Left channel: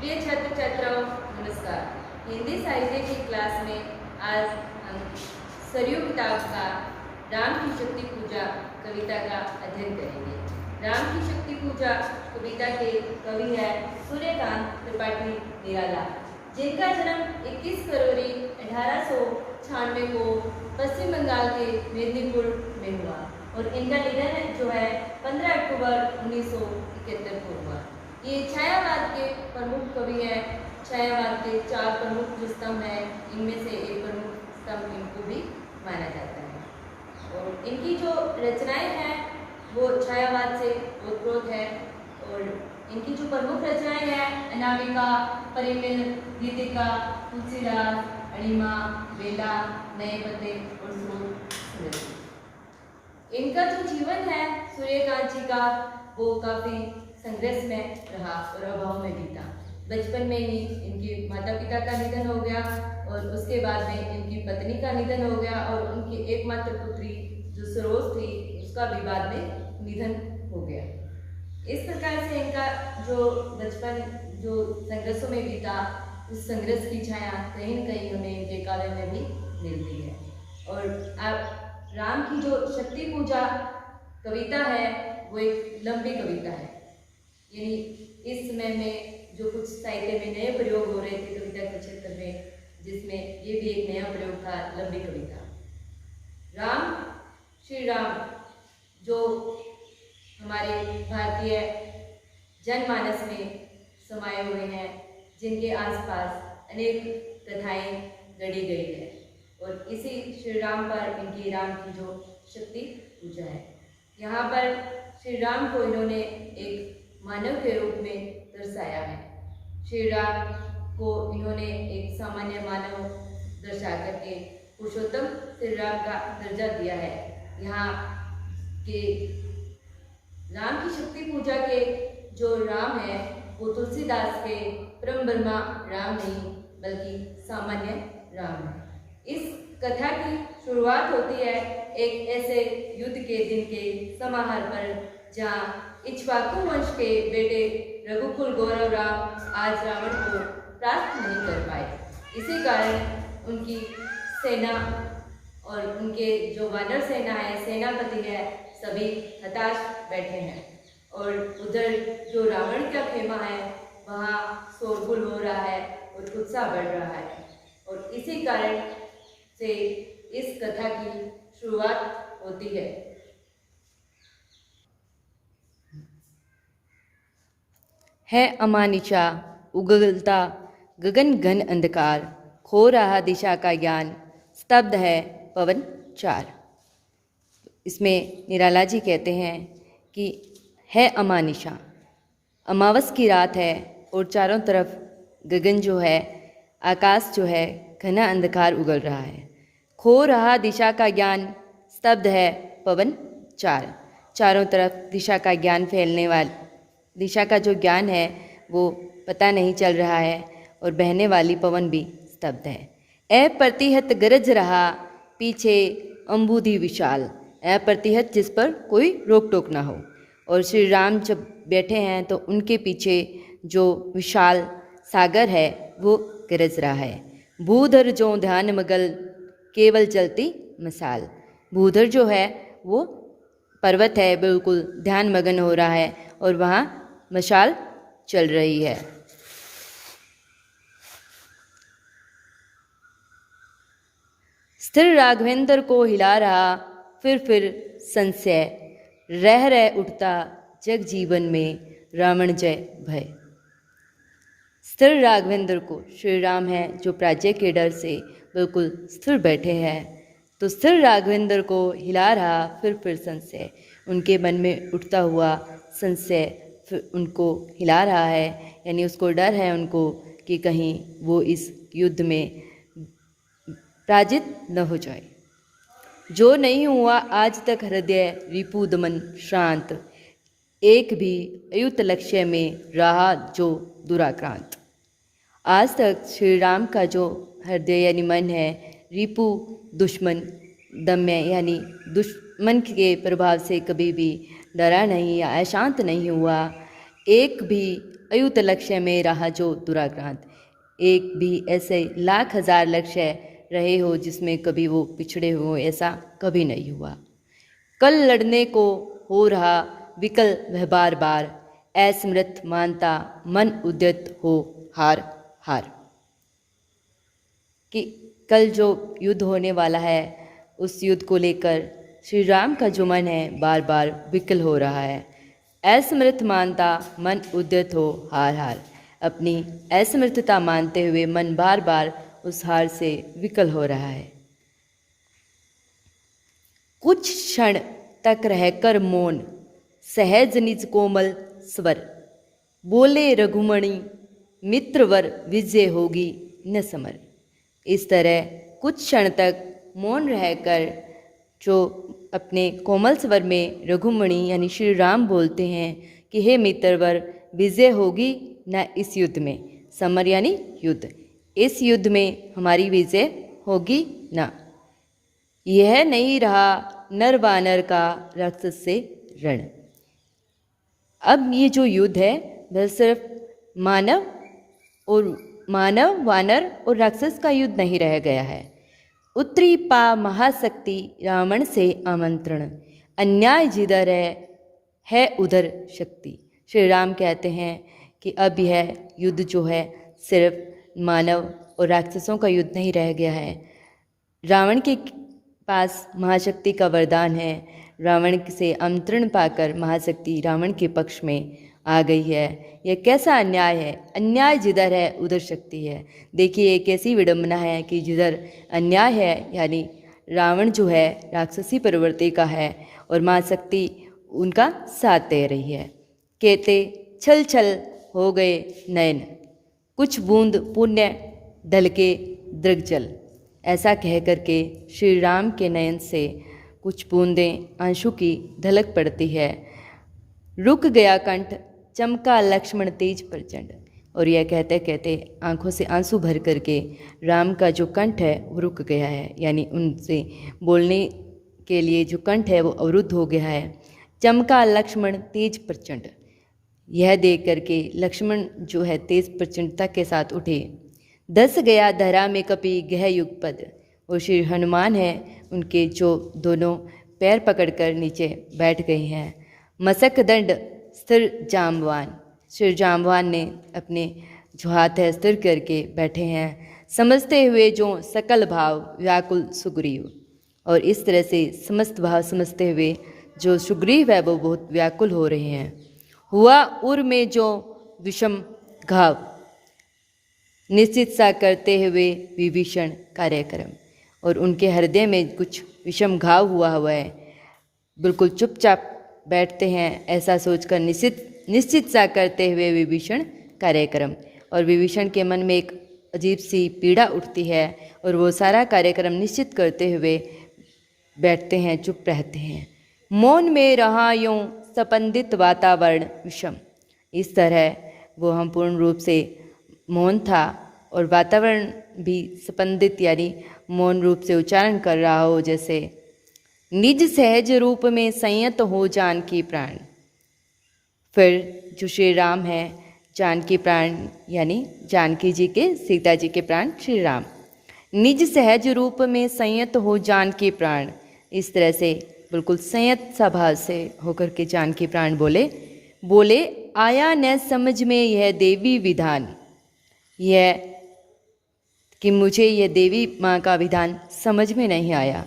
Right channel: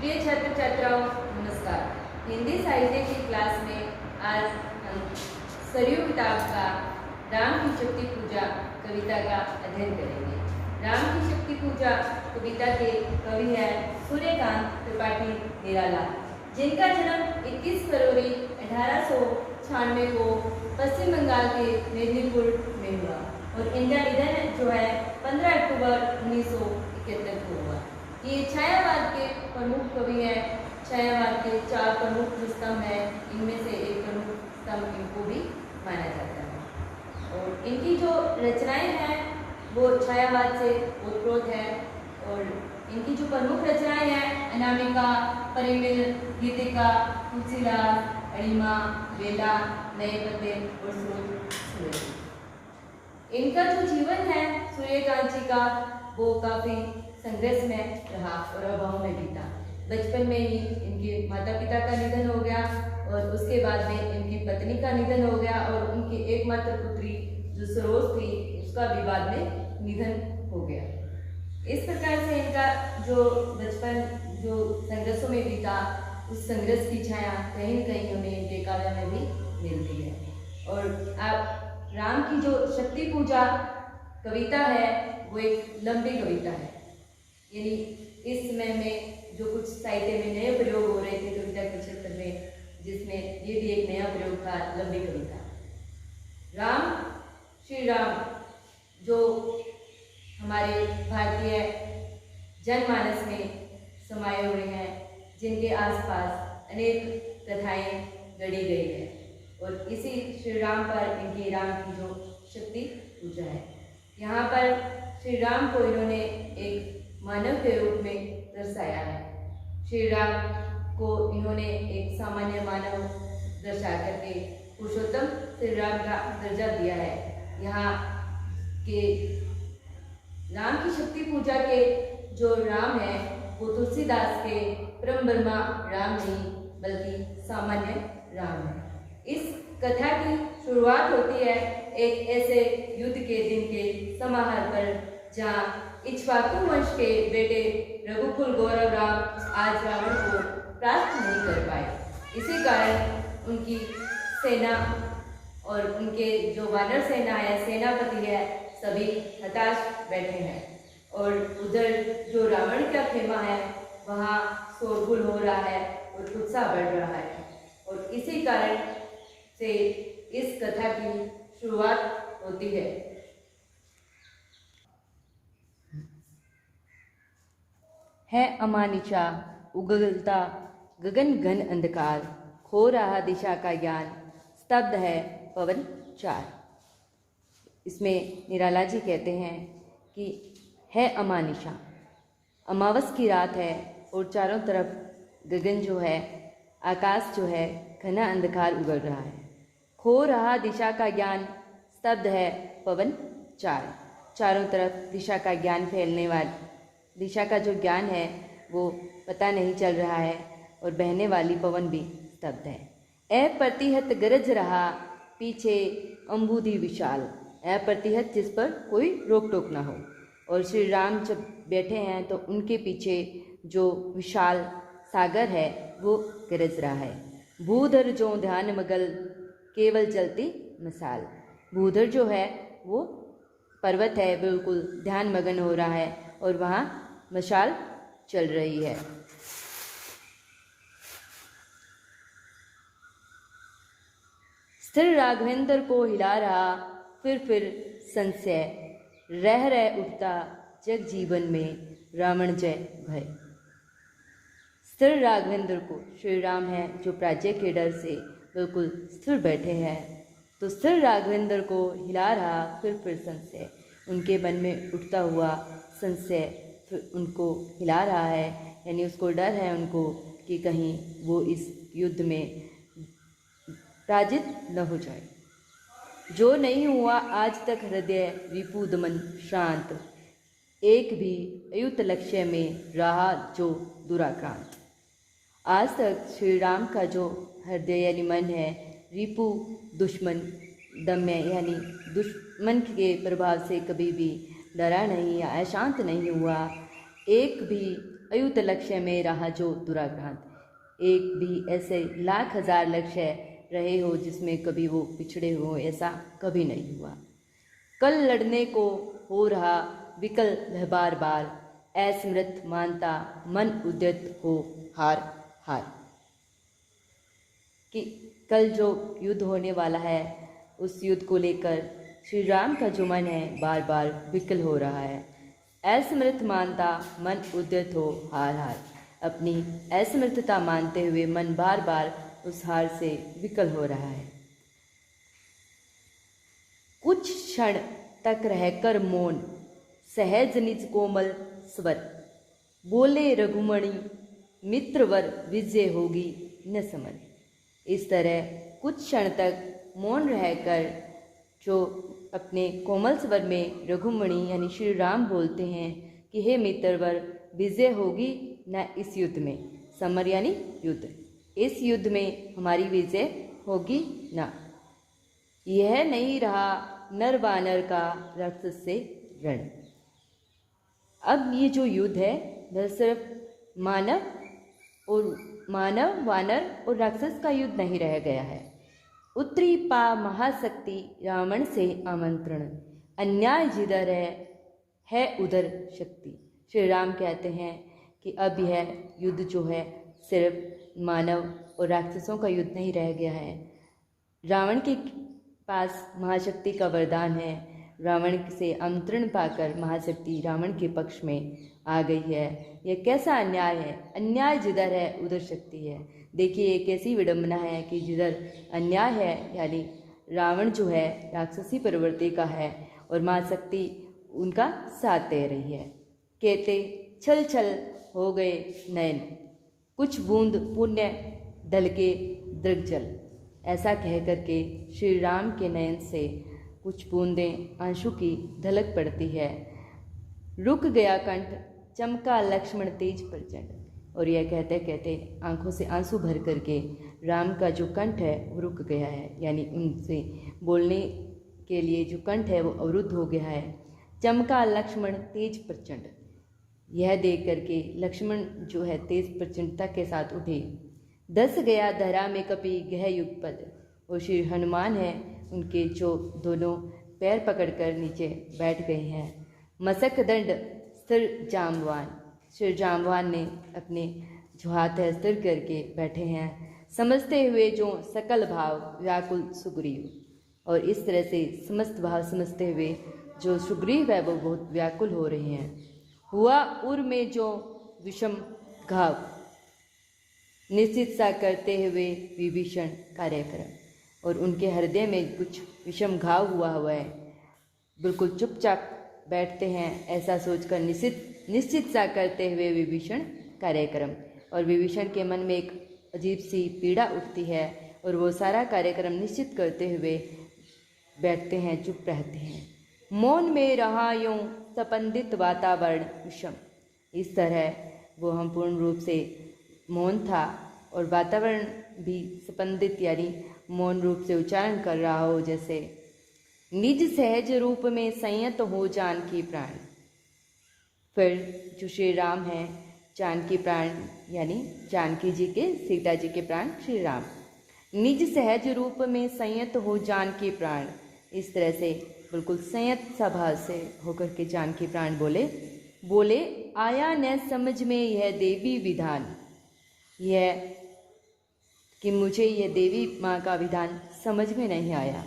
प्रिय छात्र छात्राओं, नमस्कार। हिंदी साहित्य की क्लास में आज हम सरयू किताब का राम की शक्ति पूजा कविता का अध्ययन करेंगे। राम की शक्ति पूजा कविता के कवि हैं सूर्यकांत त्रिपाठी निराला, जिनका जन्म 21 फरवरी 1896 को पश्चिम बंगाल के मेदिनीपुर में हुआ और इनका निधन जो है 15 अक्टूबर 1971 को हुआ। ये छायावाद के प्रमुख कवि हैं। छायावाद के 4 प्रमुख जो स्तंभ हैं, इनमें से एक प्रमुख स्तंभ इनको भी माना जाता है। और इनकी जो रचनाएं हैं वो छायावाद से ओतप्रोत है। और इनकी जो प्रमुख रचनाएं हैं, अनामिका, परिमल, गीतिका, तुलसीदास, अणिमा, बेला, नए पते और सूरज। इनका जो जीवन है सूर्यकांत जी का, वो काफ़ी संघर्ष में रहा और अभाव में बीता। बचपन में ही इनके माता पिता का निधन हो गया और उसके बाद में इनकी पत्नी का निधन हो गया और उनकी एकमात्र पुत्री जो सरोज थी, उसका भी बाद में निधन हो गया। इस प्रकार से इनका जो बचपन जो संघर्षों में बीता, उस संघर्ष की छाया कहीं न कहीं हमें इनके काव्य में भी मिलती है। और आप राम की जो शक्ति पूजा कविता है वो एक लंबी कविता है। यानी इस समय में जो कुछ साहित्य में नए प्रयोग हो रहे थे कविता के क्षेत्र में, जिसमें ये भी एक नया प्रयोग था, लंबी कविता। राम, श्री राम जो हमारे भारतीय जनमानस में समाये हुए हैं, जिनके आसपास अनेक कथाएं गढ़ी गई है और इसी श्री राम पर इनकी राम की जो शक्ति पूजा है। यहाँ पर श्री राम को इन्होंने एक मानव के रूप में दर्शाया है। श्री राम को इन्होंने एक सामान्य मानव दर्शा करके पुरुषोत्तम श्री राम का दर्जा दिया है। यहाँ के राम की शक्ति पूजा के जो राम है वो तुलसीदास के परम ब्रह्मा राम नहीं बल्कि सामान्य राम है। इस कथा की शुरुआत होती है एक ऐसे युद्ध के दिन के समाहार पर, जहाँ इक्ष्वाकु वंश के बेटे रघुकुल गौरव राम आज रावण को परास्त नहीं कर पाए। इसी कारण उनकी सेना और उनके जो वानर सेना है, सेनापति है, सभी हताश बैठे हैं। और उधर जो रावण का खेमा है वहाँ शोरगुल हो रहा है और उत्साह बढ़ रहा है। और इसी कारण से इस कथा की शुरुआत होती है। है अमानिशा उगलता गगन घन अंधकार, खो रहा दिशा का ज्ञान, स्तब्ध है पवन चार। इसमें निराला जी कहते हैं कि है अमानिशा, अमावस की रात है और चारों तरफ गगन जो है, आकाश जो है, घना अंधकार उगल रहा है। खो रहा दिशा का ज्ञान, स्तब्ध है पवन चार। चारों तरफ दिशा का ज्ञान फैलने वाला, दिशा का जो ज्ञान है वो पता नहीं चल रहा है और बहने वाली पवन भी स्तब्ध है। अप्रतिहत गरज रहा पीछे अम्बुधि विशाल, अप्रतिहत जिस पर कोई रोक टोक ना हो। और श्री राम जब बैठे हैं तो उनके पीछे जो विशाल सागर है वो गरज रहा है। भूधर जो ध्यान मगल केवल चलती मसाल, भूधर जो है वो पर्वत है, बिल्कुल ध्यान मगन हो रहा है और वहाँ मशाल चल रही है। स्थिर राघवेंद्र को हिला रहा फिर संशय, रह उठता जग जीवन में रावण जय भय। स्थिर राघवेंद्र को, श्री राम है जो प्राज्ञ के डर से बिल्कुल स्थिर बैठे हैं, तो स्थिर राघवेंद्र को हिला रहा फिर संशय, उनके मन में उठता हुआ संशय फिर उनको हिला रहा है। यानी उसको डर है उनको कि कहीं वो इस युद्ध में पराजित न हो जाए। जो नहीं हुआ आज तक हृदय रिपु दमन श्रांत, एक भी अयुत लक्ष्य में रहा जो दुराक्रांत। आज तक श्री राम का जो हृदय यानी मन है, रिपु दुश्मन, दम्य यानी दुश्मन के प्रभाव से कभी भी डरा नहीं या अशांत नहीं हुआ। एक भी अयुत लक्ष्य में रहा जो दुराक्रांत। एक भी ऐसे लाख हजार लक्ष्य रहे हो जिसमें कभी वो पिछड़े हो, ऐसा कभी नहीं हुआ। कल लड़ने को हो रहा विकल वह बार बार, असमर्थ मानता मन उद्यत हो हार हार। कि कल जो युद्ध होने वाला है उस युद्ध को लेकर श्री राम का जो मन है बार बार विकल हो रहा है। असमर्थ मानता मन उद्यत हो हार हार। अपनी असमर्थता मानते हुए मन बार बार उस हार से विकल हो रहा है। कुछ क्षण तक रहकर मौन, सहज निज कोमल स्वर, बोले रघुमणि मित्रवर विजय होगी न समर। इस तरह कुछ क्षण तक मौन रहकर जो अपने कोमल स्वर में रघुमणि यानी श्री राम बोलते हैं कि हे मित्रवर, विजय होगी न इस युद्ध में। समर यानी युद्ध, इस युद्ध में हमारी विजय होगी न। यह नहीं रहा नर वानर का राक्षस से रण। अब ये जो युद्ध है वह सिर्फ मानव वानर और राक्षस का युद्ध नहीं रह गया है। उत्तरी पा महाशक्ति रावण से आमंत्रण, अन्याय जिधर है उधर शक्ति। श्री राम कहते हैं कि अब यह युद्ध जो है सिर्फ मानव और राक्षसों का युद्ध नहीं रह गया है। रावण के पास महाशक्ति का वरदान है। रावण से आमंत्रण पाकर महाशक्ति रावण के पक्ष में आ गई है। यह कैसा अन्याय है, अन्याय जिधर है उधर शक्ति है। देखिए एक ऐसी विडंबना है कि जिधर अन्याय है यानी रावण जो है राक्षसी प्रवृत्ति का है और महाशक्ति उनका साथ दे रही है। कहते छल छल हो गए नयन, कुछ बूंद पुण्य ढलके दृग्जल। ऐसा कह करके श्री राम के नयन से कुछ बूंदें आंसू की ढलक पड़ती है। रुक गया कंठ, चमका लक्ष्मण तेज प्रचंड। और यह कहते कहते आंखों से आंसू भर करके राम का जो कंठ है वो रुक गया है, यानी उनसे बोलने के लिए जो कंठ है वो अवरुद्ध हो गया है। चमका लक्ष्मण तेज प्रचंड, यह देख करके लक्ष्मण जो है तेज प्रचंडता के साथ उठे। धस गया धरा में कपि गह युगपद। और श्री हनुमान है उनके जो दोनों पैर पकड़कर नीचे बैठ गए हैं। मसक दंड स्थिर जाम्बवान, श्री जाम्बवान ने अपने जो हाथ है स्थिर करके बैठे हैं। समझते हुए जो सकल भाव व्याकुल सुग्रीव। और इस तरह से समस्त भाव समझते हुए जो सुग्रीव है वो बहुत व्याकुल हो रहे हैं। हुआ उर में जो विषम घाव, निश्चित सा करते हुए विभीषण कार्यक्रम। और उनके हृदय में कुछ विषम घाव हुआ है, बिल्कुल चुपचाप बैठते हैं ऐसा सोचकर निश्चित सा करते हुए विभीषण कार्यक्रम। और विभीषण के मन में एक अजीब सी पीड़ा उठती है और वो सारा कार्यक्रम निश्चित करते हुए बैठते हैं, चुप रहते हैं। मौन में रहा यूं सपंदित वातावरण विषम। इस तरह वो हम पूर्ण रूप से मौन था और वातावरण भी स्पंदित यानी मौन रूप से उच्चारण कर रहा हो, जैसे निज सहज रूप में संयत हो जानकी प्राण। फिर जो श्री राम है जानकी प्राण यानी जानकी जी के सीता जी के प्राण श्री राम। निज सहज रूप में संयत हो जानकी प्राण, इस तरह से बिल्कुल संयत स्वभाव से होकर के जानकी प्राण बोले आया न समझ में यह देवी विधान। यह कि मुझे यह देवी माँ का विधान समझ में नहीं आया।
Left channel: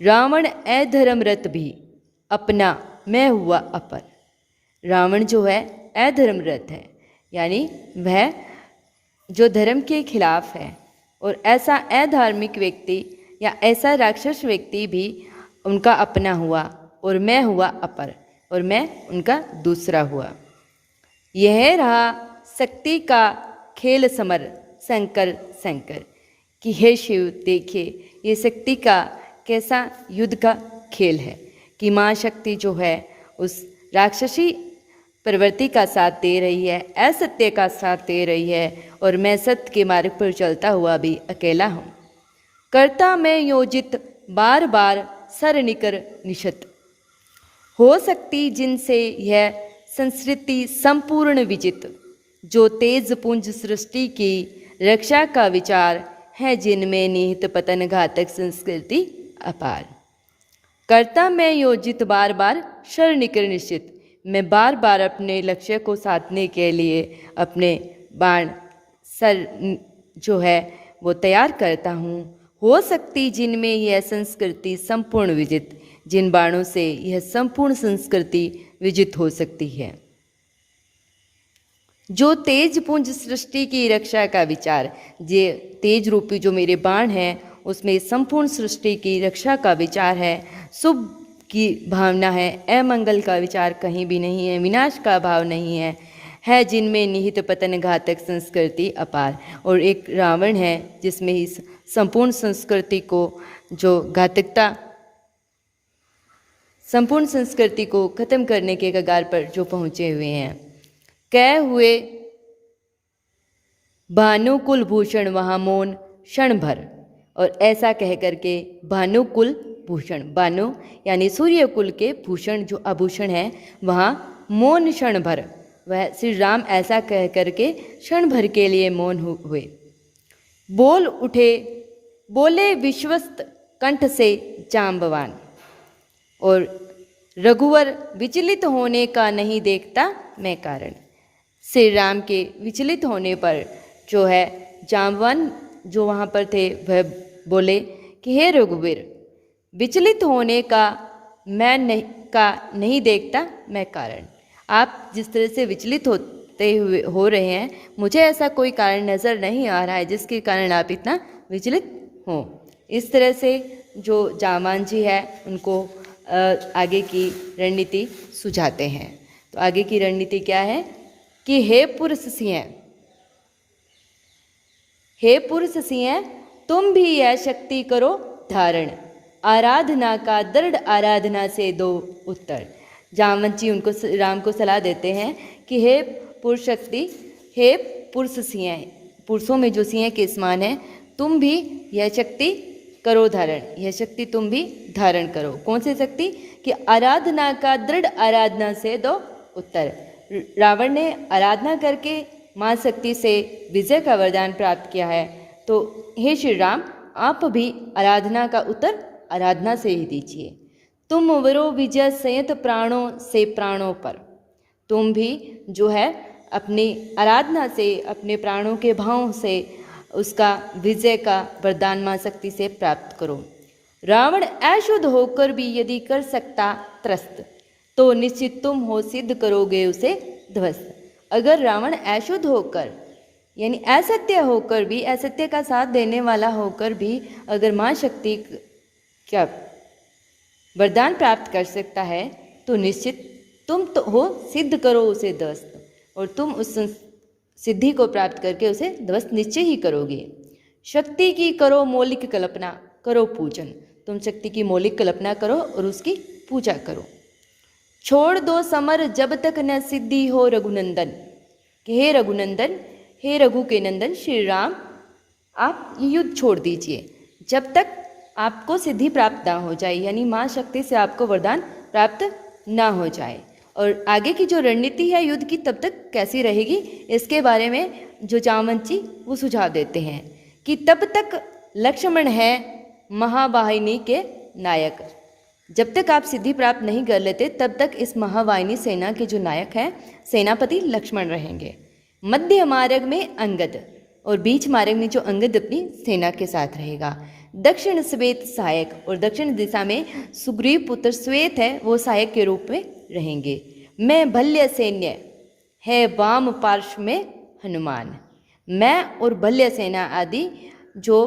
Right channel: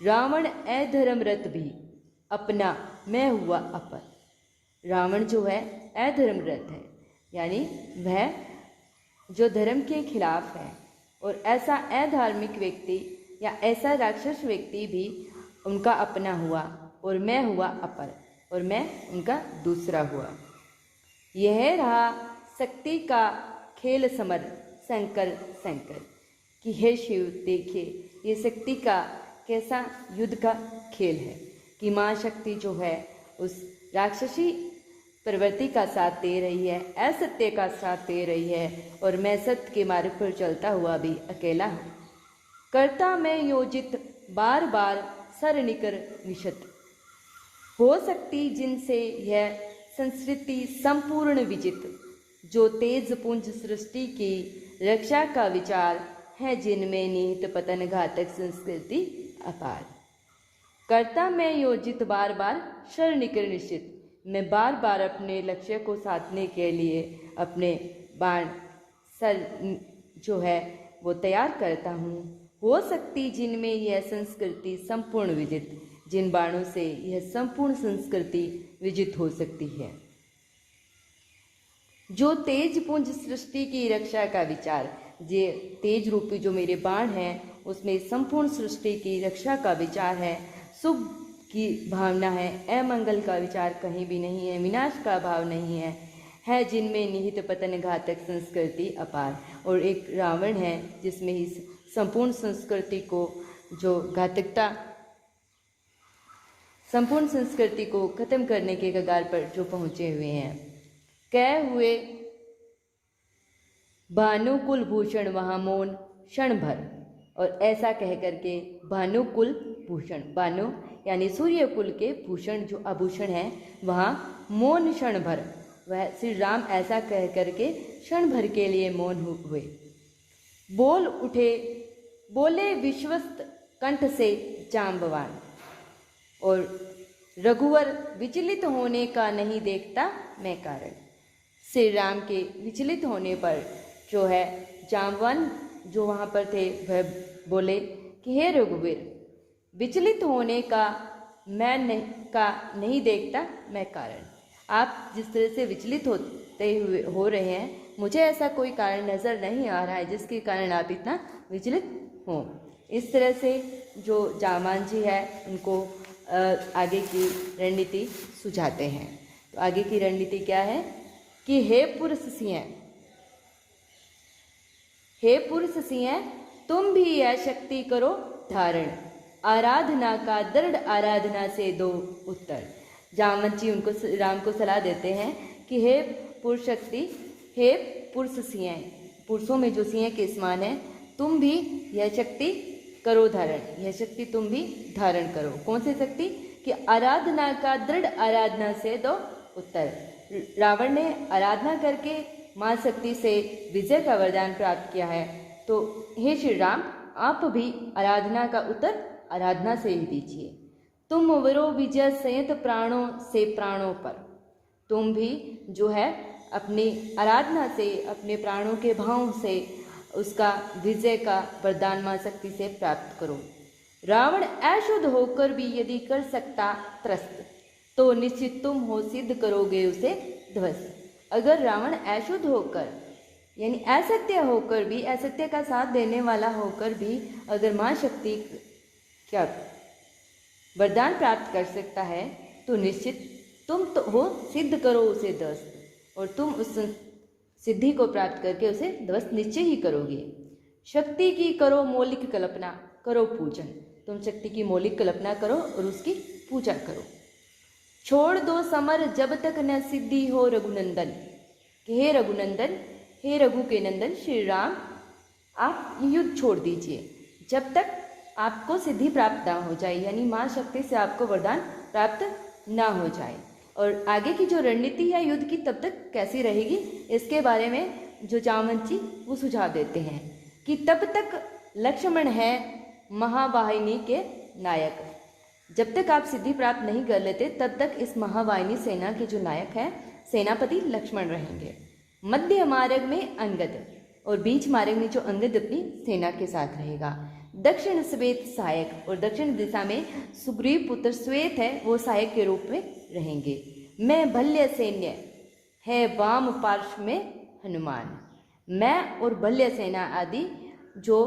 रावण अधर्मरत भी अपना मैं हुआ अपर। रावण जो है अधर्मरत है, यानी वह जो धर्म के खिलाफ है और ऐसा अधार्मिक व्यक्ति या ऐसा राक्षस व्यक्ति भी उनका अपना हुआ और मैं हुआ अपर और मैं उनका दूसरा हुआ। यह रहा शक्ति का खेल समर शंकर शंकर कि हे शिव देखिए ये शक्ति का कैसा युद्ध का खेल है कि माँ शक्ति जो है उस राक्षसी प्रवृत्ति का साथ दे रही है, असत्य का साथ दे रही है और मैं सत्य के मार्ग पर चलता हुआ भी अकेला हूँ। करता मैं योजित बार बार सर निकर निशत। हो सकती जिनसे यह संस्कृति संपूर्ण विजित। जो तेज पुंज सृष्टि की रक्षा का विचार है, जिनमें निहित पतन घातक संस्कृति अपार। करता मैं योजित बार बार शर निकर निश्चित, मैं बार बार अपने लक्ष्य को साधने के लिए अपने बाण सर जो है वो तैयार करता हूँ। हो सकती जिनमें यह संस्कृति संपूर्ण विजित, जिन बाणों से यह संपूर्ण संस्कृति विजित हो सकती है। जो तेज पुंज सृष्टि की रक्षा का विचार, ये तेज रूपी जो मेरे बाण हैं उसमें संपूर्ण सृष्टि की रक्षा का विचार है, शुभ की भावना है, अमंगल का विचार कहीं भी नहीं है, विनाश का भाव नहीं है जिनमें निहित पतन घातक संस्कृति अपार। और एक रावण है जिसमें इस संपूर्ण संस्कृति को जो घातकता, संपूर्ण संस्कृति को खत्म करने के कगार पर जो पहुंचे हुए हैं। कह हुए भानुकुल भूषण वहाँ मौन क्षण भर, और ऐसा कह करके भानुकुल भूषण, भानु यानी सूर्य कुल के भूषण जो आभूषण है वहाँ मौन क्षण भर, वह श्री राम ऐसा कह करके क्षण भर के लिए मौन हुए। बोल उठे, बोले विश्वस्त कंठ से जाम्बवान, और रघुवर विचलित होने का नहीं देखता मैं कारण। श्री राम के विचलित होने पर जो है जाम्बवान जो वहाँ पर थे वह बोले कि हे रघुवीर, विचलित होने का मैं नहीं देखता मैं कारण। आप जिस तरह से विचलित होते हुए हो रहे हैं, मुझे ऐसा कोई कारण नज़र नहीं आ रहा है जिसके कारण आप इतना विचलित हों। इस तरह से जो जाम्बवान जी है उनको आगे की रणनीति सुझाते हैं। तो आगे की रणनीति क्या है कि हे पुरुष सिंह, हे पुरुष सिंह, तुम भी यह शक्ति करो धारण, आराधना का दृढ़ आराधना से दो उत्तर। जामवंत जी उनको राम को सलाह देते हैं कि हे पुरुष शक्ति, हे पुरुष सिंह, पुरुषों में जो सिंह के समान है, तुम भी यह शक्ति करो धारण, यह शक्ति तुम भी धारण करो। कौन सी शक्ति? कि आराधना का दृढ़ आराधना से दो उत्तर। रावण ने आराधना करके मां शक्ति से विजय का वरदान प्राप्त किया है, तो हे श्री राम, आप भी आराधना का उत्तर आराधना से ही दीजिए। तुम वरो विजय संयत प्राणों से प्राणों पर, तुम भी जो है अपनी आराधना से, अपने प्राणों के भाव से उसका विजय का वरदान मां शक्ति से प्राप्त करो। रावण अशुद्ध होकर भी यदि कर सकता त्रस्त, तो निश्चित तुम हो सिद्ध करोगे उसे ध्वस्त। अगर रावण अशुद्ध होकर यानी असत्य होकर भी, असत्य का साथ देने वाला होकर भी अगर मां शक्ति क्या वरदान प्राप्त कर सकता है, तो निश्चित तुम तो हो सिद्ध करो उसे ध्वस्त, और तुम उस सिद्धि को प्राप्त करके उसे ध्वस्त निश्चय ही करोगे। शक्ति की करो मौलिक कल्पना, करो पूजन, तुम शक्ति की मौलिक कल्पना करो और उसकी पूजा करो। छोड़ दो समर जब तक न सिद्धि हो रघुनंदन, कि हे रघुनंदन, हे रघु के नंदन श्री राम, आप ये युद्ध छोड़ दीजिए जब तक आपको सिद्धि प्राप्त ना हो जाए, यानी मां शक्ति से आपको वरदान प्राप्त ना हो जाए। और आगे की जो रणनीति है युद्ध की तब तक कैसी रहेगी, इसके बारे में जो जामवंत जी वो सुझाव देते हैं कि तब तक लक्ष्मण है महावाहिनी के नायक। जब तक आप सिद्धि प्राप्त नहीं कर लेते तब तक इस महावाहिनी सेना के जो नायक हैं सेनापति लक्ष्मण रहेंगे। मध्य मार्ग में अंगद, और बीच मार्ग में जो अंगद अपनी सेना के साथ रहेगा। दक्षिण श्वेत सहायक, और दक्षिण दिशा में सुग्रीव पुत्र श्वेत है वो सहायक के रूप में रहेंगे। मैं भल्य सैन्य है वाम पार्श्व में हनुमान, मैं और भल्य सेना आदि जो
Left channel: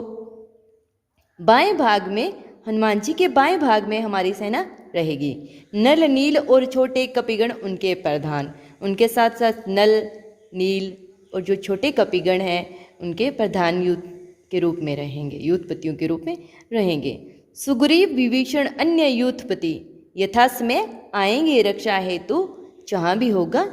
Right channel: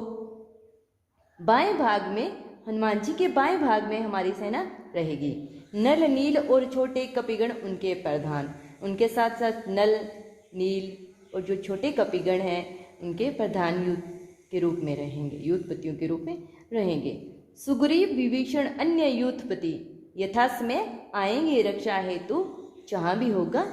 बाएं भाग में, हनुमान जी के बाएं भाग में हमारी सेना रहेगी। नल नील और छोटे कपिगण उनके प्रधान, उनके साथ साथ नल नील और जो छोटे कपिगण हैं उनके प्रधान युद्ध के रूप में रहेंगे, युद्धपतियों के रूप में रहेंगे। सुग्रीव विभीषण अन्य युद्धपति यथासमय आएंगे रक्षा हेतु, जहाँ भी होगा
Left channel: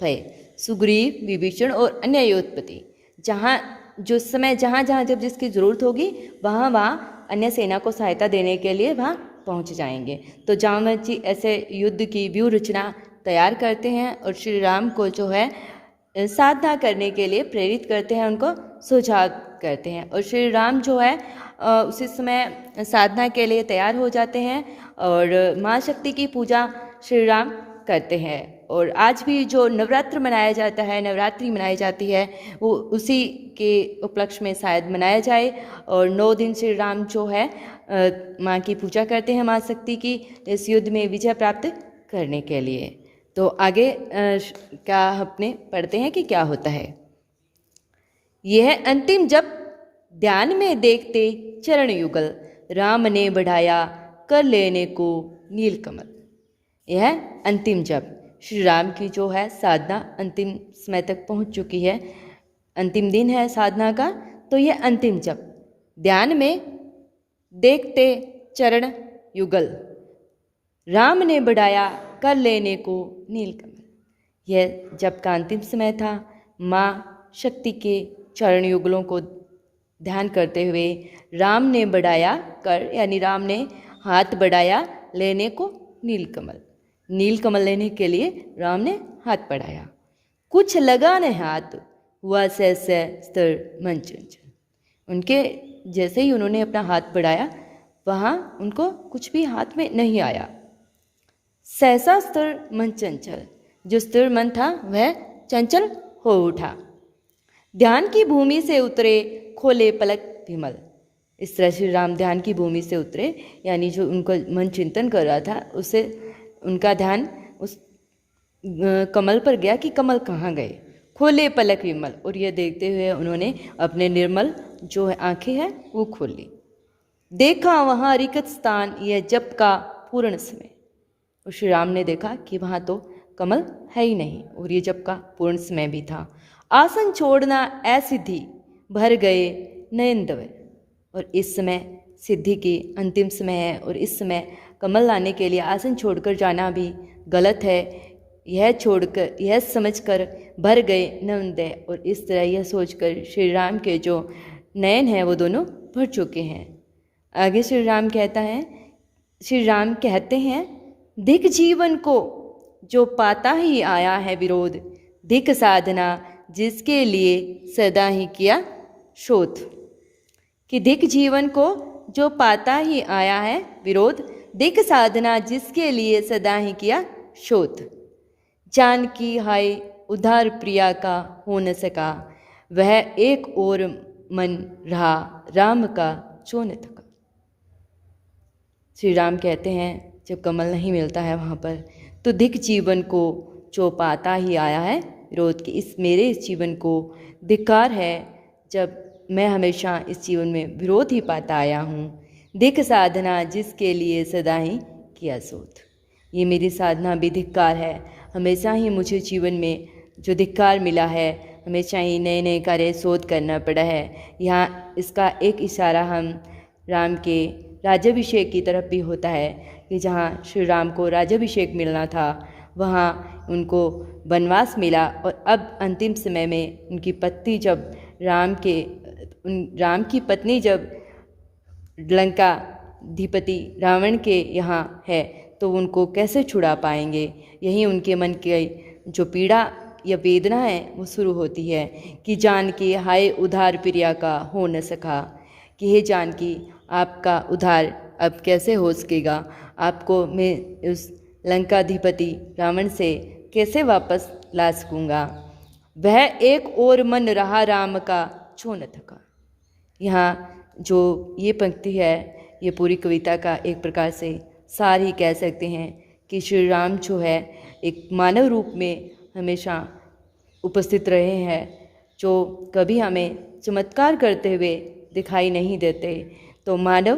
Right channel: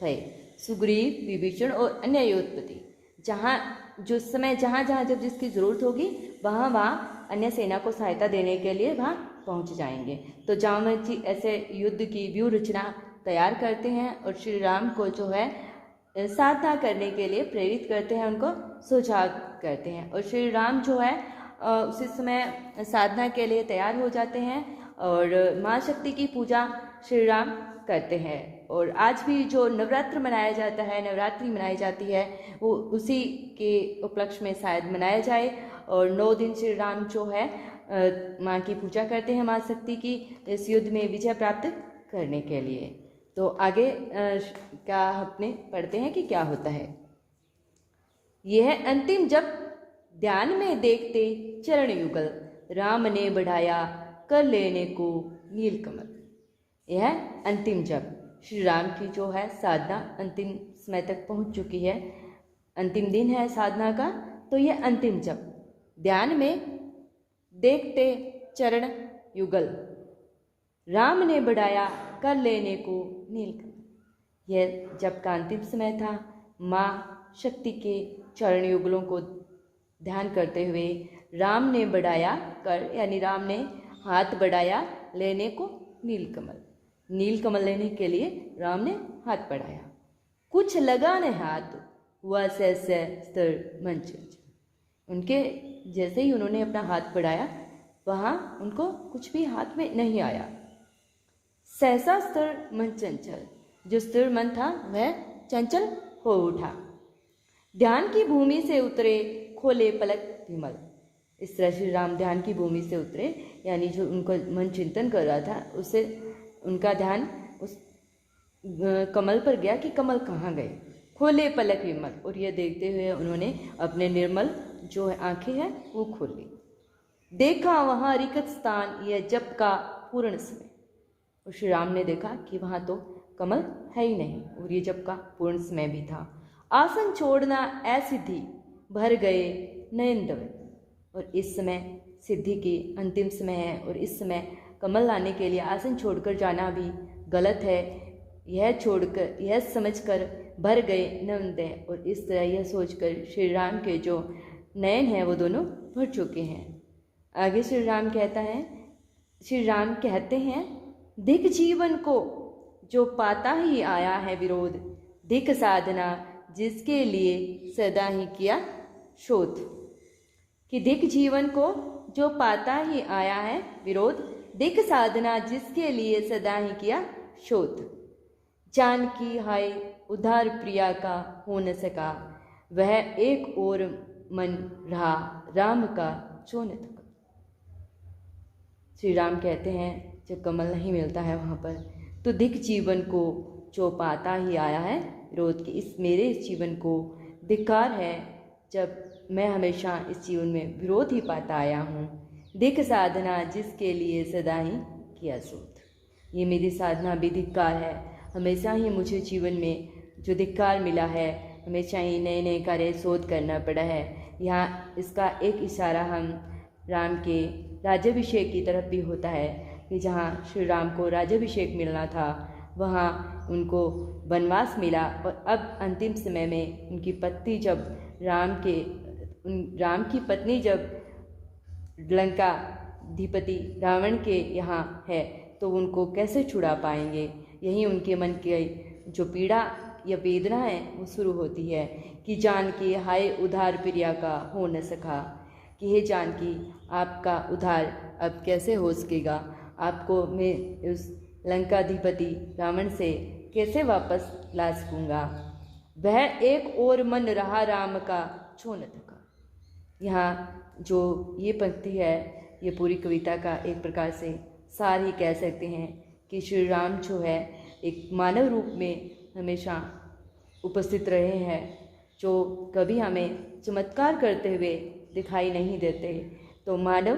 भय। सुग्रीव विभीषण और अन्य युद्धपति जहाँ जो समय जहाँ जब जिसकी जरूरत होगी वहाँ अन्य सेना को सहायता देने के लिए वहाँ पहुँच जाएंगे। तो जामवंत जी ऐसे युद्ध की व्यूह रचना तैयार करते हैं और श्री राम को जो है साधना करने के लिए प्रेरित करते हैं, उनको सुझाव करते हैं। और श्री राम जो है उसी समय साधना के लिए तैयार हो जाते हैं और माँ शक्ति की पूजा श्री राम करते हैं। और आज भी जो नवरात्र मनाया जाता है, नवरात्रि मनाई जाती है, वो उसी के उपलक्ष्य में शायद मनाया जाए। और 9 दिन श्री राम जो है माँ की पूजा करते हैं, माँ शक्ति की, इस युद्ध में विजय प्राप्त करने के लिए। तो आगे क्या अपने पढ़ते हैं कि क्या होता है। यह अंतिम जप ध्यान में देखते चरण युगल, राम ने बढ़ाया कर लेने को नीलकमल। यह अंतिम जप, श्री राम की जो है साधना अंतिम समय तक पहुंच चुकी है, अंतिम दिन है साधना का। तो यह अंतिम जप ध्यान में देखते चरण युगल, राम ने बढ़ाया कर लेने को नीलकमल। यह जप का अंतिम समय था। माँ शक्ति के चरण युगलों को ध्यान करते हुए राम ने बढ़ाया कर, यानी राम ने हाथ बढ़ाया लेने को नीलकमल, नीलकमल लेने के लिए राम ने हाथ बढ़ाया। कुछ लगा न हाथ हुआ सहसा स्थिर मन चंचल। उनके जैसे ही उन्होंने अपना हाथ बढ़ाया, वहाँ उनको कुछ भी हाथ में नहीं आया। सहसा स्थिर मन चंचल, जो स्थिर मन था वह चंचल हो उठा। ध्यान की भूमि से उतरे खोले पलक विमल। इस तरह श्री राम ध्यान की भूमि से उतरे, यानी जो उनको मन चिंतन कर रहा था उससे उनका ध्यान उस कमल पर गया कि कमल कहाँ गए। खोले पलक विमल, और ये देखते हुए उन्होंने अपने निर्मल जो है आंखें हैं वो खोल ली। देखा वहाँ रिक्त स्थान, यह जप का पूर्ण समय। और श्री राम ने देखा कि वहाँ तो कमल है ही नहीं, और ये जप का पूर्ण समय भी था। आसन छोड़ना असिद्धि, भर गए नयन दवे। और इस समय सिद्धि की अंतिम समय है, और इस समय कमल लाने के लिए आसन छोड़कर जाना भी गलत है। यह छोड़कर, यह समझकर भर गए नयन, और इस तरह यह सोचकर श्री राम के जो नयन हैं वो दोनों भर चुके हैं। आगे श्री राम कहते हैं, दिक जीवन को जो पाता ही आया है विरोध, दिक साधना जिसके लिए सदा ही किया शोध। कि दिक जीवन को जो पाता ही आया है विरोध, दिक साधना जिसके लिए सदा ही किया शोध। जानकी हाय उधार प्रिया का हो न सका, वह एक और मन रहा राम का जो न थका। श्री राम कहते हैं जब कमल नहीं मिलता है वहाँ पर, तो दिक जीवन को जो पाता ही आया है विरोध, की इस मेरे इस जीवन को धिक्कार है जब मैं हमेशा इस जीवन में विरोध ही पाता आया हूँ। दिक साधना जिसके लिए सदा ही किया शोध, ये मेरी साधना भी धिक्कार है। हमेशा ही मुझे जीवन में जो धिक्कार मिला है, हमेशा ही नए नए कार्य शोध करना पड़ा है। यहाँ इसका एक इशारा हम राम के राज्याभिषेक की तरफ भी होता है कि जहाँ श्री राम को राज्याभिषेक मिलना था वहाँ उनको वनवास मिला, और अब अंतिम समय में उनकी पत्नी जब राम की पत्नी जब लंका अधिपति रावण के यहाँ है तो उनको कैसे छुड़ा पाएंगे। यही उनके मन की जो पीड़ा या वेदना है वो शुरू होती है कि जानकी हाय उधार प्रिया का हो न सका, कि हे जानकी आपका उधार अब कैसे हो सकेगा, आपको मैं उस लंकाधिपति रावण से कैसे वापस ला सकूँगा। वह एक और मन रहा राम का छो न थका। यहाँ जो ये पंक्ति है ये पूरी कविता का एक प्रकार से सार ही कह सकते हैं कि श्री राम जो है एक मानव रूप में हमेशा उपस्थित रहे हैं, जो कभी हमें चमत्कार करते हुए दिखाई नहीं देते। तो मानव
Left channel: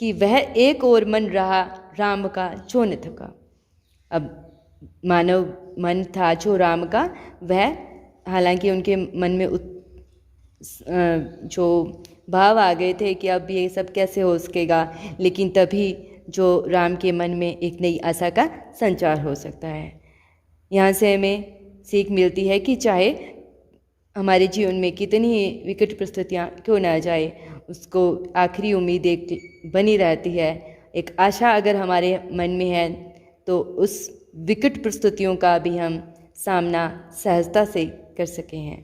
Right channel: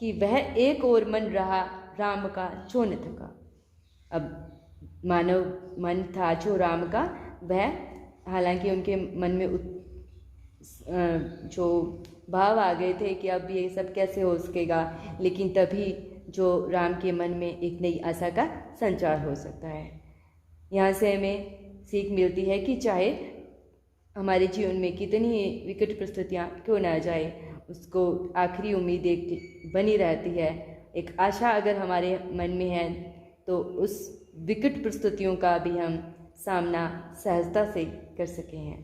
कि वह एक और मन रहा राम का जो न थका। अब मानव मन था जो राम का, वह हालांकि उनके मन में जो भाव आ गए थे कि अब ये सब कैसे हो सकेगा, लेकिन तभी जो राम के मन में एक नई आशा का संचार हो सकता है। यहाँ से हमें सीख मिलती है कि चाहे हमारे जीवन में कितनी ही विकट परिस्थितियाँ क्यों ना जाए, उसको आखिरी उम्मीद एक बनी रहती है। एक आशा अगर हमारे मन में है तो उस विकट परिस्थितियों का भी हम सामना सहजता से कर सके हैं।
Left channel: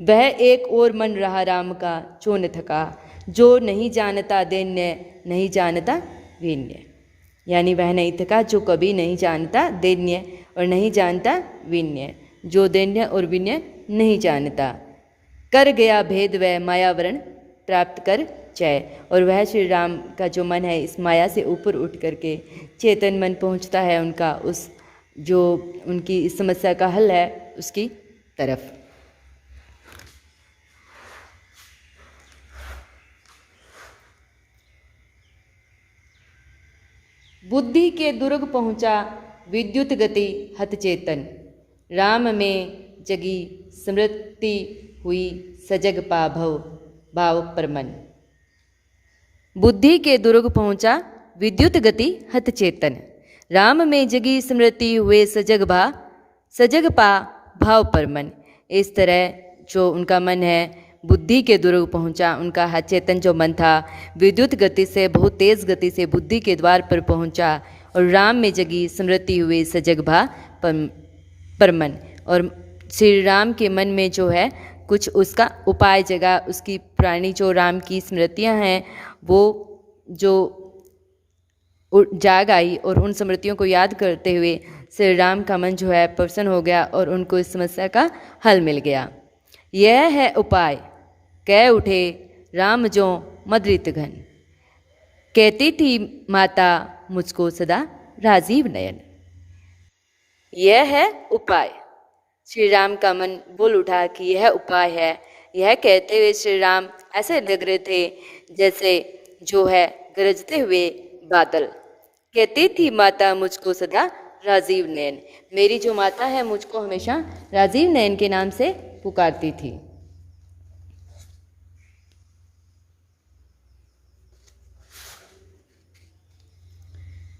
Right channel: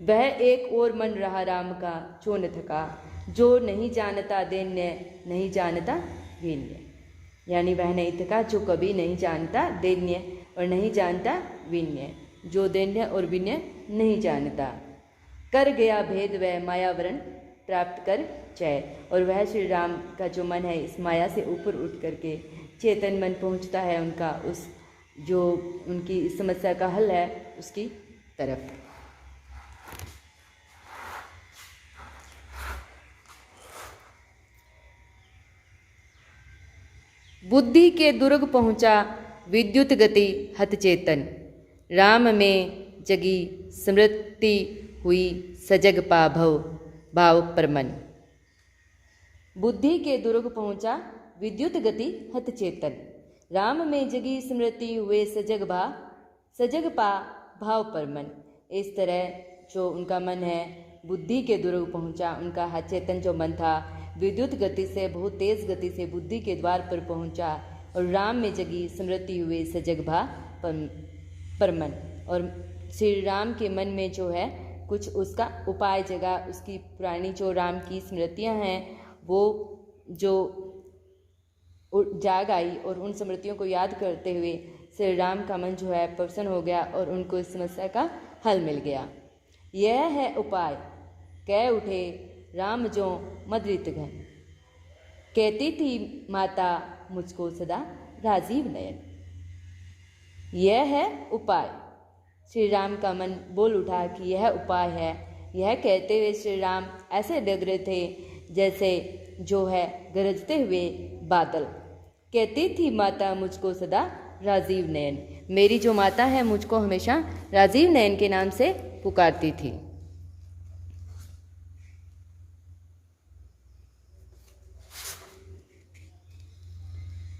वह एक और मन रहा राम का जो न थका, जो नहीं जानता दैन्य नहीं जानता वीन्य। यानी वह नहीं थका जो कभी नहीं जानता दैन्य और नहीं जानता विन्य, जो दैन्य और विन्य नहीं जानता। कर गया भेद वह मायावरण प्राप्त कर जय। और वह श्री राम का जो मन है इस माया से ऊपर उठ करके चेतन मन पहुंचता है उनका उस जो उनकी इस समस्या का हल है उसकी तरफ। बुद्धि के दुर्ग पहुंचा विद्युत गति हत चेतन, राम में जगी स्मृति हुई सजग पा भव भाव परमन। बुद्धि के दुर्ग पहुंचा विद्युत गति हत चेतन, राम में जगी स्मृति हुए सजग पा भाव परमन। इस तरह जो उनका मन है बुद्धि के दुर्ग पहुंचा, उनका हत चेतन जो मन था विद्युत गति से बहुत तेज गति से बुद्धि के द्वार पर पहुंचा और राम में जगी स्मृति हुई सजग भा परमन। और श्री राम के मन में जो है कुछ उसका उपाय जगह, उसकी पुरानी जो राम की स्मृतियां हैं वो जो जाग आई और उन स्मृतियों को याद करते हुए श्री राम का मन जो है प्रसन्न हो गया और उनको इस समस्या का हल मिल गया। यह है उपाय कह उठे राम जो मदृत घन, कहती थी माता मुझको सदा राजीव नयन। यह है उपाय। श्री राम का मन बोल उठा कि यह उपाय है। यह कहते हुए श्री राम ऐसे लग रहे थे जैसे जो है गरजते हुए बादल। कहती थी माता मुझको सदा राजीव नयन, मेरी जो माता है मुझको हमेशा राजीव नयन के नाम से पुकारती थी।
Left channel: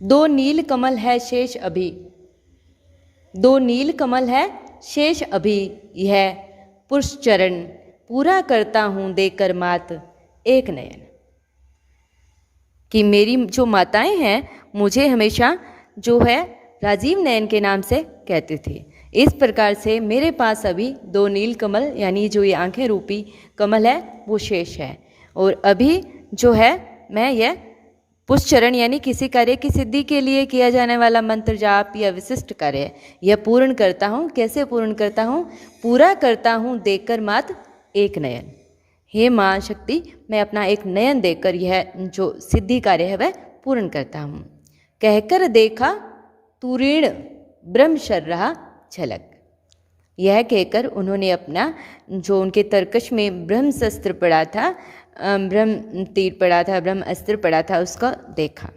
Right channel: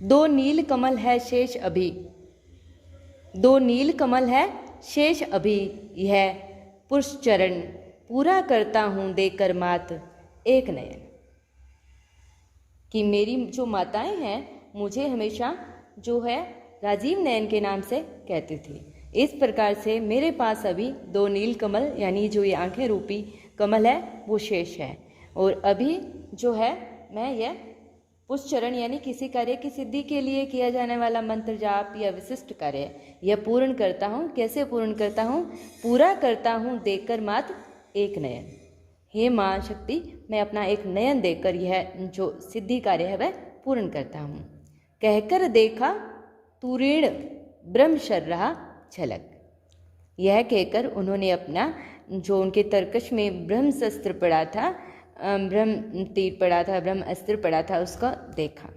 दो नील कमल है शेष अभी, दो नील कमल है शेष अभी, यह पुरुष चरण पूरा करता हूं देकर मात एक नयन। कि मेरी जो माताएं हैं मुझे हमेशा जो है राजीव नयन के नाम से कहते थे। इस प्रकार से मेरे पास अभी दो नील कमल यानी जो ये आंखें रूपी कमल है वो शेष है और अभी जो है मैं यह पुष्चरण यानी किसी कार्य की सिद्धि के लिए किया जाने वाला मंत्र जाप या विशिष्ट कार्य यह पूर्ण करता हूँ। कैसे पूर्ण करता हूँ? पूरा करता हूँ देकर मात्र एक नयन। हे माँ शक्ति, मैं अपना एक नयन देकर यह जो सिद्धि कार्य है वह पूर्ण करता हूँ। कहकर देखा तुरीण ब्रह्मशर रहा झलक। यह कहकर उन्होंने अपना जो उनके तरकश में ब्रह्मशस्त्र पड़ा था, ब्रह्म तीर पड़ा था, ब्रह्म अस्त्र पड़ा था, उसका देखा।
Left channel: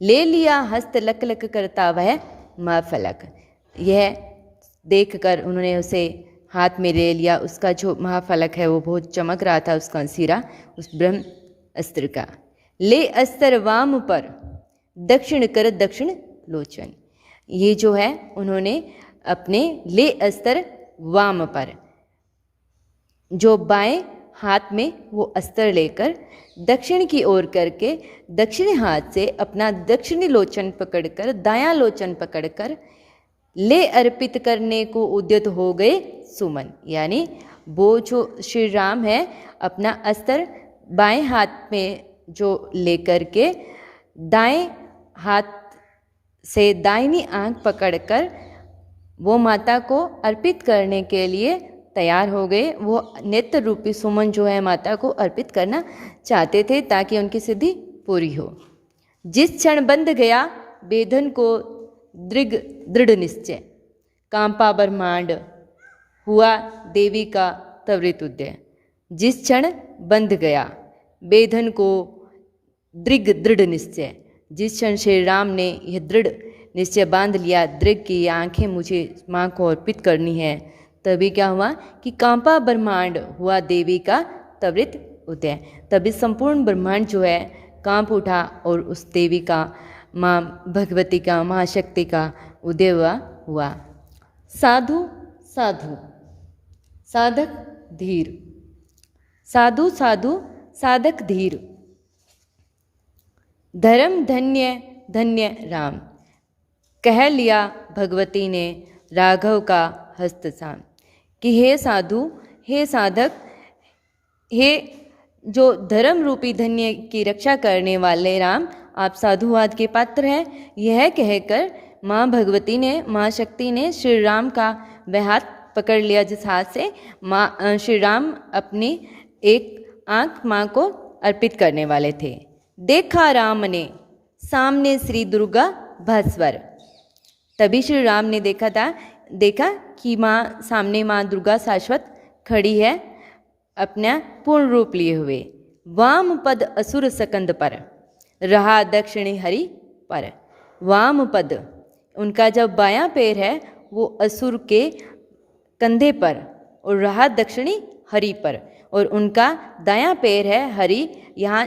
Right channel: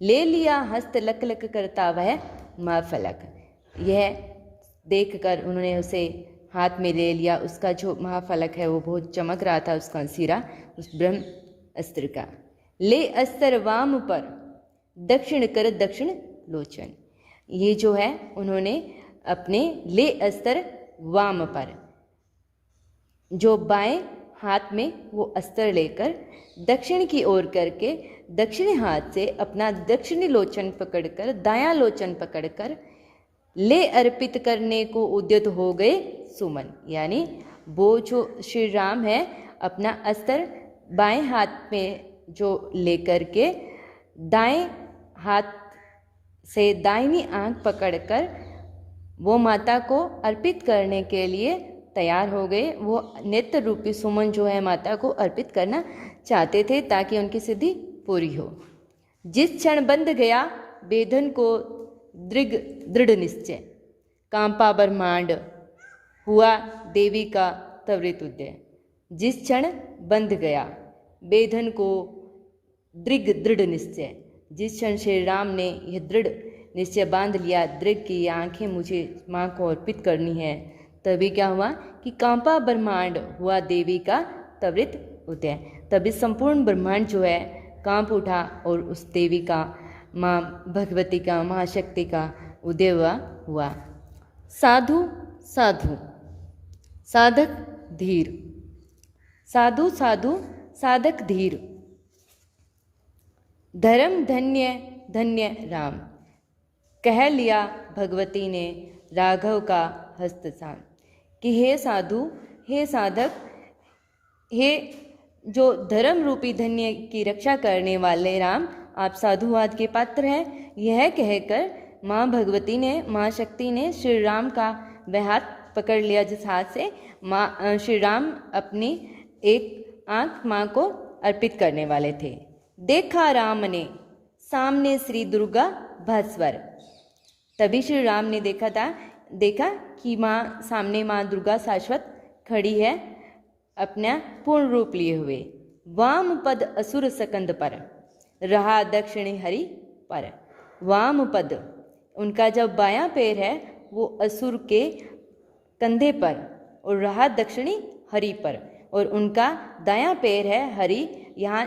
ले लिया हस्त लक लक करता वह महाफलक। यह देखकर उन्होंने उसे हाथ में ले लिया। उसका जो महाफलक है वो बहुत चमक रहा था, उसका सिरा उस ब्रह्म अस्त्र का। ले अस्त्र वाम पर दक्षिण कर दक्षिण लोचन। ये जो है उन्होंने अपने ले अस्त्र वाम पर जो बाएं हाथ में वो अस्त्र लेकर दक्षिण की ओर करके दक्षिणी हाथ से अपना दक्षिणी लोचन पकड़कर दायां लोचन पकड़कर ले अर्पित करने को उद्यत हो गए सुमन। यानी वो जो श्री राम है अपना अस्त्र बाएं हाथ में जो लेकर के दाएं हाथ से दाहिनी आंख पकड़कर वो माता को अर्पित करने के लिए तैयार हो गए। वो नेत्र रूपी सुमन जो है माता को अर्पित करना चाहते थे ताकि उनकी सिद्धि पूरी हो। जिस क्षण बंध गया बेधन को दृढ़ निश्चय, कांपा ब्रह्मांड हुआ देवी का त्वरित उदय। जिस क्षण बंध गया बेधन को दृढ़ निश्चय, जिस क्षण श्री राम ने यह दृढ़ निश्चय बांध लिया, दृढ़ की आंखें मुझे माँ को अर्पित करनी है, तभी क्या हुआ कि कांपा ब्रह्मांड हुआ देवी का त्वरित उदय। तभी संपूर्ण ब्रह्मांड जो है कांप उठा और उस देवी का, माँ भगवती का, महाशक्ति का उदय हुआ। साधु साधु साधक धीर, साधु साधु साधक धीर, धर्म धन्य धन्य राम। कह लिया भगवती ने राघव का हस्त सा। कि हे साधु, हे साधक, हे जो धर्म रूपी धन्य की रक्षा करने वाले राम, आप साधुवाद के पात्र हैं। यह कहकर माँ भगवती ने, माँ शक्ति ने श्री राम का वह हाथ पकड़ लिया जिस हाथ से माँ श्री राम अपनी एक आंख माँ को अर्पित करने वाले थे। देखा राम ने सामने श्री दुर्गा भास्वर। तभी श्री राम ने देखा कि माँ सामने माँ दुर्गा शाश्वत खड़ी है अपना पूर्ण रूप लिए हुए। वाम पद असुर सकंद पर, रहा दक्षिणी हरि पर। वाम पद उनका जब बायां पैर है वो असुर के कंधे पर और रहा दक्षिणी हरि पर, और उनका दायां पैर है हरि। यहाँ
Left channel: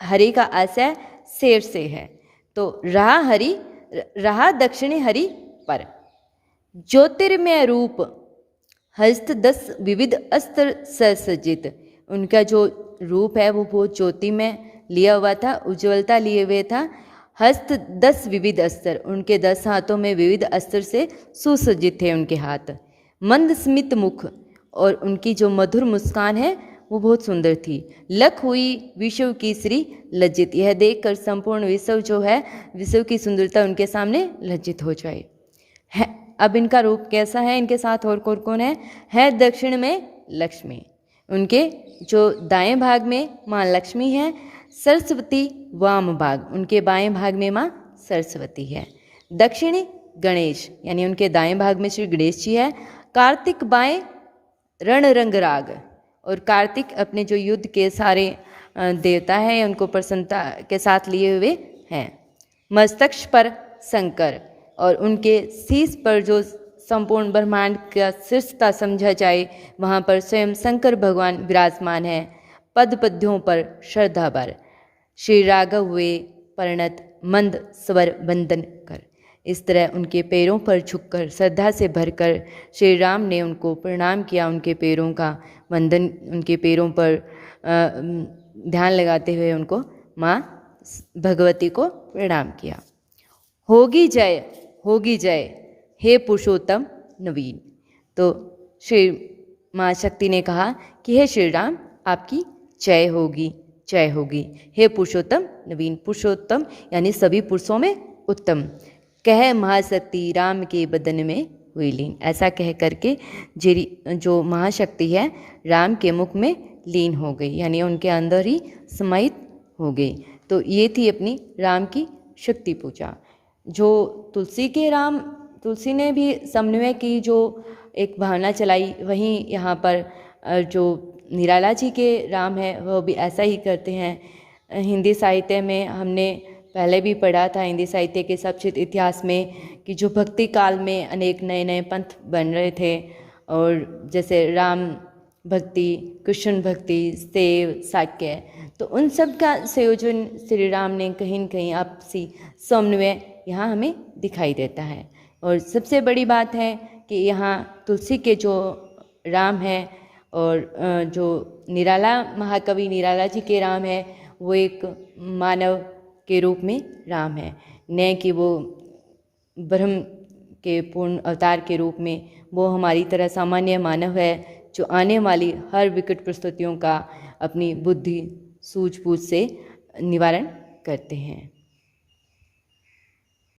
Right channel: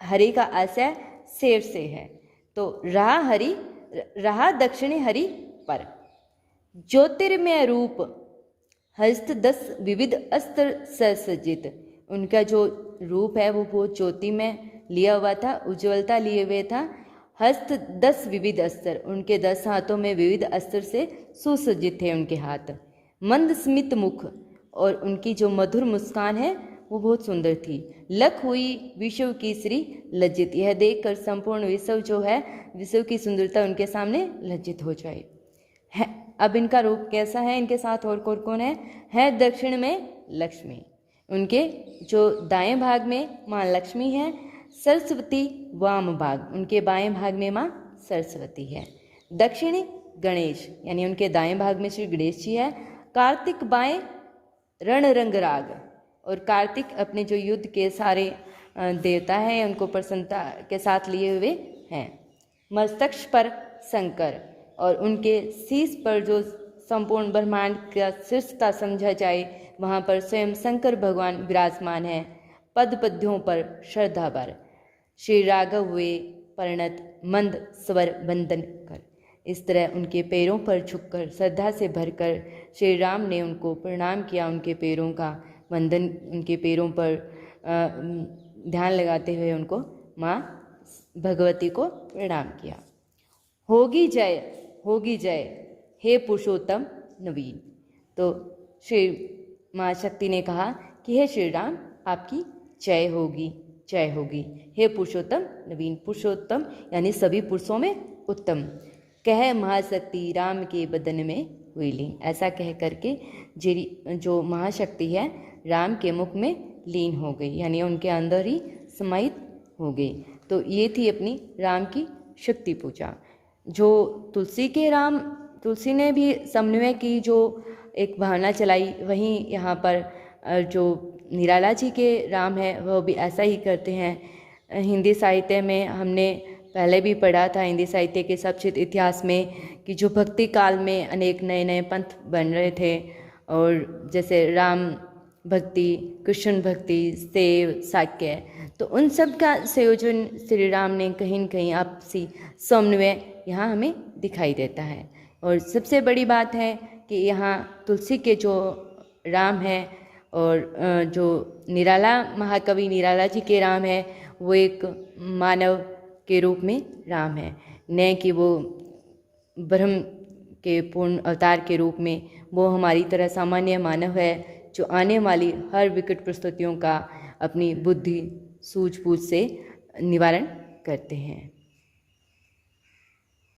हरि का आशय शेर से है, तो रहा दक्षिणी हरि पर। ज्योतिर्मय रूप हस्त 10 विविध अस्त्र ससज्जित। उनका जो रूप है वो बहुत ज्योति में लिया हुआ था, उज्ज्वलता लिए हुए था। हस्त 10 विविध अस्त्र, उनके 10 हाथों में विविध अस्त्र से सुसज्जित थे उनके हाथ। मंद स्मित मुख, और उनकी जो मधुर मुस्कान है वो बहुत सुंदर थी। लख हुई विश्व की श्री लज्जित, यह देखकर संपूर्ण विश्व जो है, विश्व की सुंदरता उनके सामने लज्जित हो जाए। अब इनका रूप कैसा है, इनके साथ और कौन है दक्षिण में लक्ष्मी। उनके जो दाएं भाग में माँ लक्ष्मी है, सरस्वती वाम भाग, उनके बाएं भाग में माँ सरस्वती है। दक्षिणी गणेश, यानी उनके दाएं भाग में श्री गणेश जी है। कार्तिक बाएं रण रंग राग, और कार्तिक अपने जो युद्ध के सारे देवता हैं उनको प्रसन्नता के साथ लिए हुए हैं। मस्तक पर शंकर, और उनके शीश पर जो संपूर्ण ब्रह्मांड का शीर्षता समझा जाए वहाँ पर स्वयं शंकर भगवान विराजमान है। पद पद्यों पर श्रद्धा भर, श्री राघव हुए परिणत मंद स्वर वंदन कर। इस तरह उनके पैरों पर झुककर श्रद्धा से भरकर श्री राम ने उनको प्रणाम किया। उनके पैरों का वंदन, उनके पैरों पर ध्यान लगाते हुए उनको माँ भगवती को प्रणाम किया। होगी जय हे पुरुषोत्तम नवीन। तो श्री माँ शक्ति ने कहा कि हे श्री राम, आपकी जय होगी हे पुरुषोत्तम नवीन। पुरुषोत्तम यानी सभी पुरुषों में उत्तम। कह महाशक्ति राम के बदन में हुई लीन। ऐसा कह करके जो महाशक्ति है राम के मुख में लीन हो गई, यानी उनके अंदर ही समाहित हो गई। तो ये थी अपनी राम की शक्ति पूजा। जो तुलसी ने भी समन्वय की जो एक भावना चलाई, वहीं यहाँ पर जो निराला जी के राम है वह भी ऐसा ही करते हैं। हिंदी साहित्य में हमने पहले भी पढ़ा था, हिंदी साहित्य के सचित्र इतिहास में, कि जो भक्ति काल में अनेक नए नए पंथ बन रहे थे, और जैसे राम भक्ति, कृष्ण भक्ति, शैव, शाक्य, तो उन सब का संयोजन श्री राम ने कहीं न कहीं आपसी समन्वय यहाँ हमें दिखाई देता है। और सबसे बड़ी बात है कि यहाँ तुलसी के जो राम है और जो निराला महाकवि निराला जी के राम है वो एक मानव के रूप में राम है, न कि वो ब्रह्म के पूर्ण अवतार के रूप में। वो हमारी तरह सामान्य मानव है जो आने वाली हर विकट परिस्थितियों का अपनी बुद्धि सूझबूझ से निवारण करते हैं।